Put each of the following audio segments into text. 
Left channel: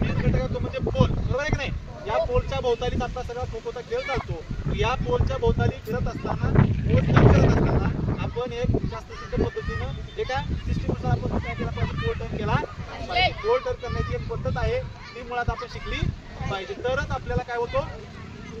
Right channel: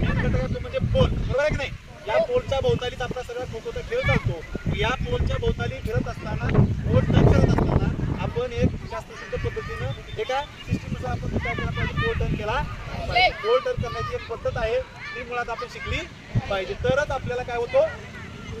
Main घटक आहे तो म्हणजे पोल, बरोबर आहे की नाही. या पोलच्या भोवतालीच आपला सगळा खो खोचा खेळ चालतो. या पोलच्या भोवताली फिरत असताना, पोल टर्न करत असताना आपण एक शास्त्रशुद्ध पद्धतीनं एका सिस्टीमनुसार आपण काय केला पाहिजे, पोल टर्न केला पाहिजे. पोल टर्न करण्याची एक पद्धत आहे, ती मुळात आपण शिकली पाहिजे. तरच आपल्याला काय होतं,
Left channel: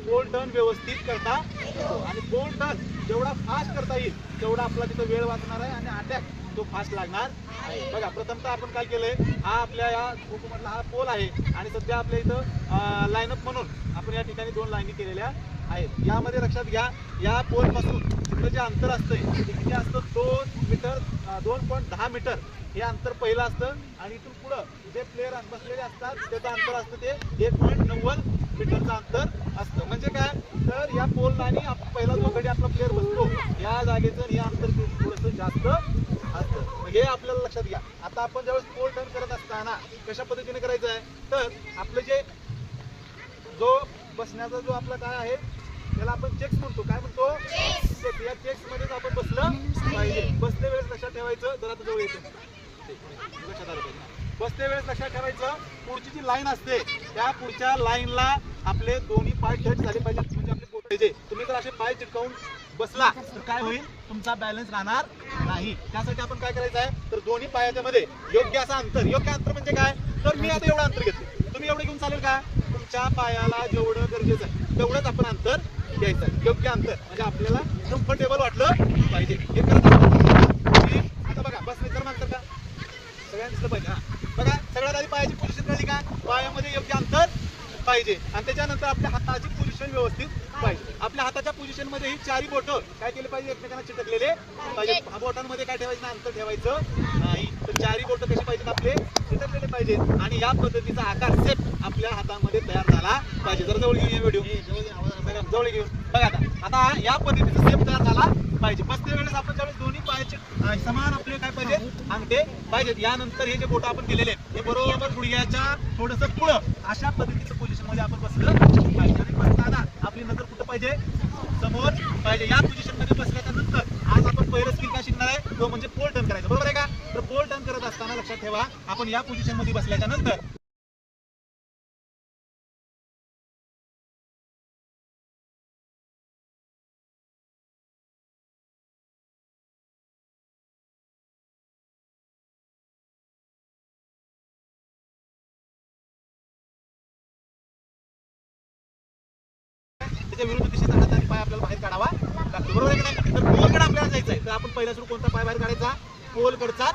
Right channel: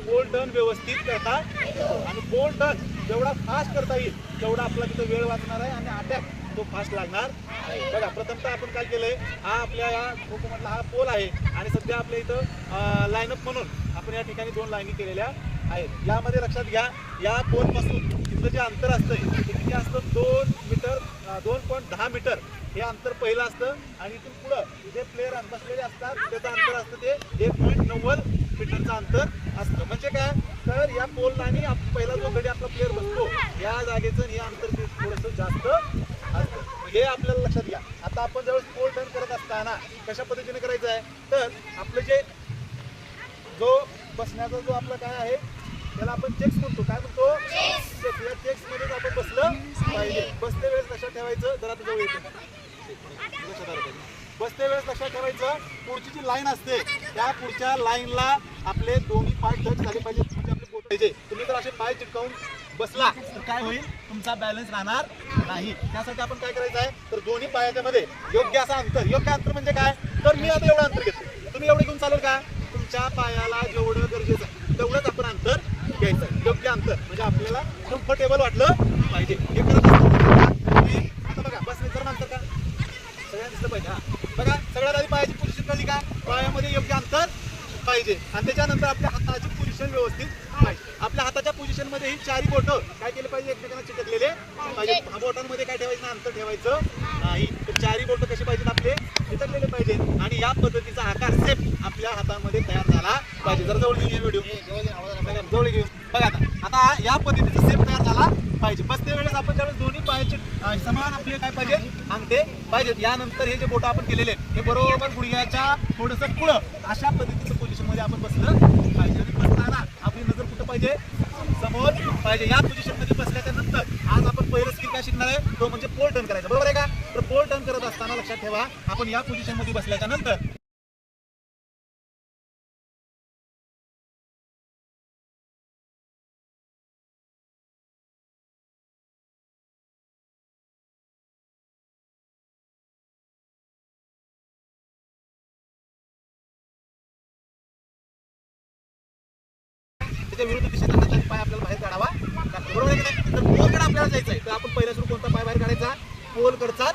पोल टर्न व्यवस्थित करता येतो. आणि पोल टर्न जेवढा फास्ट करता येईल तेवढा आपला तिथं वेळ वाचणार आहे आणि अटॅक तो फास्ट लागणार आहे. बघा, प्रथमतः आपण काय केलंय, हा आपल्या या खो खो मधला हा पोल आहे आणि सध्या आपल्या इथं लाईनअप म्हणून आपण या ठिकाणी 2 लाईनी केलेल्या आहेत. यामध्ये लक्षात घ्या, या पोल पासून तिथं जे अंतर असतं ते किती असतं, 2 मीटर, 2.10 मीटर हे अंतर पहिलं असतं. आणि इथून पुढं जे प्लेयर बसलेले असतात त्याचं अंतर असतं ते 1.90 मीटरचं अंतर असतं. म्हणजे काय, तर या पोलला आणि पहिला जो घडी आपला प्लेअर बसतो या जागेचं हे अंतर ते थोडंसं जास्त असतं. म्हणजे आपल्याला लक्षात घ्या, आता आपण ज्यावेळेस पोल टर्न करत असताना कशा पद्धतीने करायचं आहे, तर आपलं जे जो बसण्याचा जो आपला काय आहे त्याला आपण चेक्स म्हणतो. काय म्हणतो, चेक्स. या चेक्स मध्येच आपण बसलं पाहिजे. बसते वेळेस लक्षात ठेवायचं, जरा आता जवळ येतो, लक्षात आलं पाहिजे. बसते वेळेस लक्षात ठेवायचं, पुढची जी लाईन असते त्या पुढच्या लाईनला आपले दोन्ही पाय टच झाले पाहिजेत, म्हणजे आपले बोट पाहिजे. तुम्ही जर असे पाय चिटकावून बसला तर काय होईल, तुमचा बॅलन्स राहणार नाही. त्यासाठी आपण काय करायचं आहे, तर दोन्ही पायाच्या मध्ये योग्य असं अंतर. योग्य अंतर म्हणजे काय, तर मी आता एवढं अंतर घेतो, तुम्ही एवढं घेऊन चालेल का, तुमच्या पायाला जेवढं गरजेचं आहे तेवढंच आपण अंतर घ्यायचं. योग्य अंतर म्हणजे आपल्याला कम्फर्टेबल वाटलं पाहिजे. हे करत आता बघा, बसण्याचं अंतर का सगळ्यांना दिसलं पाहिजे. हा बघा, सगळ्यात आधी पायाची पोझिशन कळली का, पायामध्ये योग्य अंतर पाहिजे. आणि त्याच्यानंतर आपल्या हाताची पोझिशन व्यवस्थित पाहिजे. आपल्या हाताच्या पोझिशन मध्ये ही चारी बोटं काय केले पाहिजे, एकमेकांना चिटकलेले पाहिजे. बोटांमध्ये काय ठेवायचं ना, अंतर ठेवायचं नाही. तर चारी बोटं कसे पाहिजेत, आपले चिटकलेले पाहिजे. आणि या पद्धतीचा आकार सेप आपल्या हातामध्ये तयार झाला पाहिजे. जर जवळ घेऊन व्हिडिओ जवळ घेऊन बघा, आता या पद्धतीचा सेप तयार झाला पाहिजे. बसते वेळेस आपण ज्यावेळेस दोन्ही पायाचे समान आपले काय पाहिजे, अंगठे पाहिजेत. यानंतर हे जे बोटं आपण केलेले हे बरोबर गुडघ्याच्या थोडंसं पुढं अशा पद्धतीचं पोझिशन मध्ये आपण बसलं पाहिजे. आणि बसताना आपली नजर कुठं पाहिजे, समोर पाहिजे. या पोझिशन मध्ये बसल्याच्या नंतर आज आपण पहिलं स्किल काय शिकणार आहे, तो म्हणजे पोल टर्न करायचा, बरोबर आहे का. तर पोल टर्न करत असताना लक्षात ठेवा, आपण या पोझिशन मध्ये बसल्याच्या नंतर त्याच्या विरुद्ध दिशेचा हाताचा पाय आपल्याला बाहेर काढावा लागतो, बरोबर आहे की नाही. तर पोलकडे आपल्याला जायचं आहे, तर आपण पहिला सुरू कोणता पाय बाहेर काढायचा, पोलकडचाच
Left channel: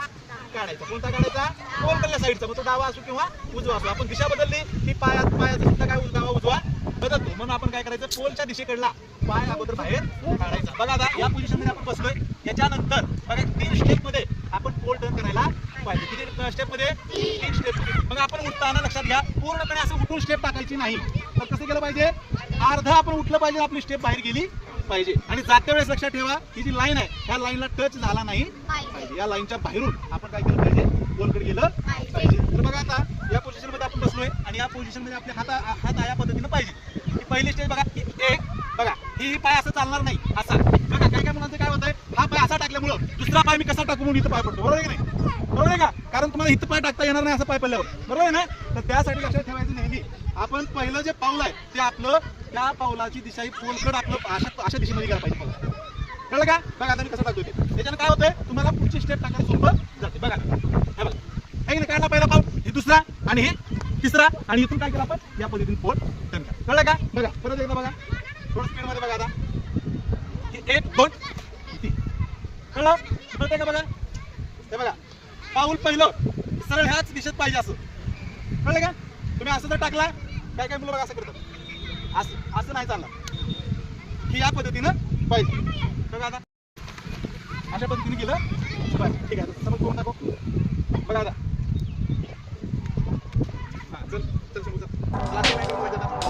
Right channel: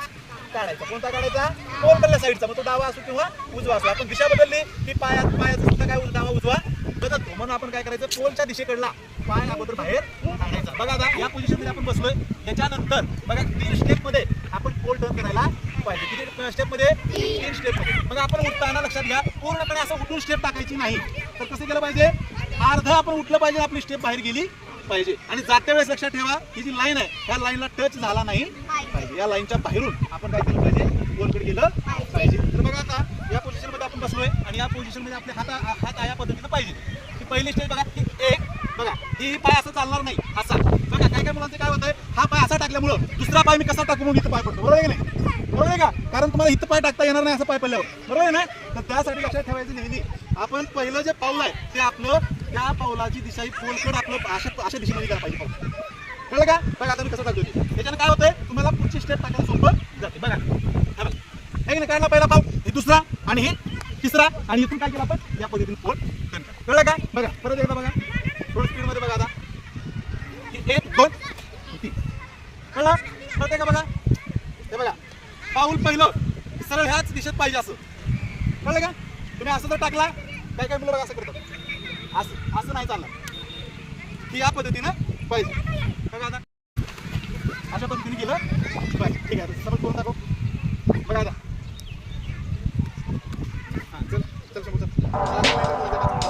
काढायचा. कोणता काढायचा, पोलकडल्या साईडचा. मग तो डावा असो किंवा उजवा असो. आपण दिशा बदलली की पायाचा सुद्धा काय डावा उजवा बदलतो. म्हणून आपण काय करायचं, पोलच्या दिशेकडला पाय अगोदर बाहेर काढायचा. बघा, आता या पोझिशन मध्ये आपण बसलोय. याच्यानंतर बघा 3 स्टेप मध्ये आपण पोल टर्न करायला पाहिजे. किती स्टेप मध्ये, 3 स्टेप मध्ये. मग आपण उठताना लक्षात घ्या, पूर्णपणे असं उठून स्टेप टाकायची नाही. तर कसं केलं पाहिजे, अर्ध आपण उठलं पाहिजे, आपली स्टेप बाहेर गेली पाहिजे. आणि जात्या वेळेस लक्षात ठेवा, ही जी लाईन आहे ह्या लाईनला टच झाला नाही पाहिजे. या लाईनच्या बाहेरून आपण काय केलं पाहिजे, गोलकडे गेलं पाहिजे. तर बघा, आता या पोझिशन मध्ये आपण बसलोय आणि या पोझिशन मध्ये आपले हात या पद्धतीने पाहिजे. ही पहिली स्टेज बघा, एक बघा, ही पाय असं चालणार नाही, असा. बघा, काय काय मुलांचं काय होतंय, हा पाय असा टाकल्यामुळं दुसरा पाय मी कसा टाकू म्हणून इथं पाय पडतो, बरोबर आहे की नाही, बरोबर आहे का. कारण तुम्हाला इथं पाय टाकता येणार नाही असं पाय पडल्यावर, बरोबर आहे ना. तर त्यासाठी लक्षात ठेवायचं नेहमी, आपण पहिलं जे पाऊल आहे ते आपलं, त्या पावलाची दिशा ही पोलकड आपलं अशा दिशेमध्ये गेला पाहिजे पाऊल, कळलं का. बघा, आता मी कसं टाकतो ते, त्याच्यानं काय होतंय, तुम्हाला पुढची स्टेप टाकायला सोपं जाते. बघा, बघा, आहे की नाही. पहिला पाऊल, हे दुसरा आणि हे तिसरा, आणि इथून काय केलं आपण, या पद्धतीने पोल टर्न, कळलं का. बघा, परत एकदा बघा, थोडं स्पीड मध्ये बघा. आता 1 2 3, कळलं, कळतंय का. बघा, हे बघा, पाऊल पहिलं सरळ ह्याच दिशेत पाहिजे असं, कळलं का. तुम्ही असं जर टाकला, काय काय मुलं बघा असं करतात, असं असं नाही चालणार, की या पद्धतीनं पाहिजे. बघा, आता अशा पद्धतीने केलं, बरं ठीक आहे. समज करून टाकू. बघा आता, हां, चल चल समोर चल.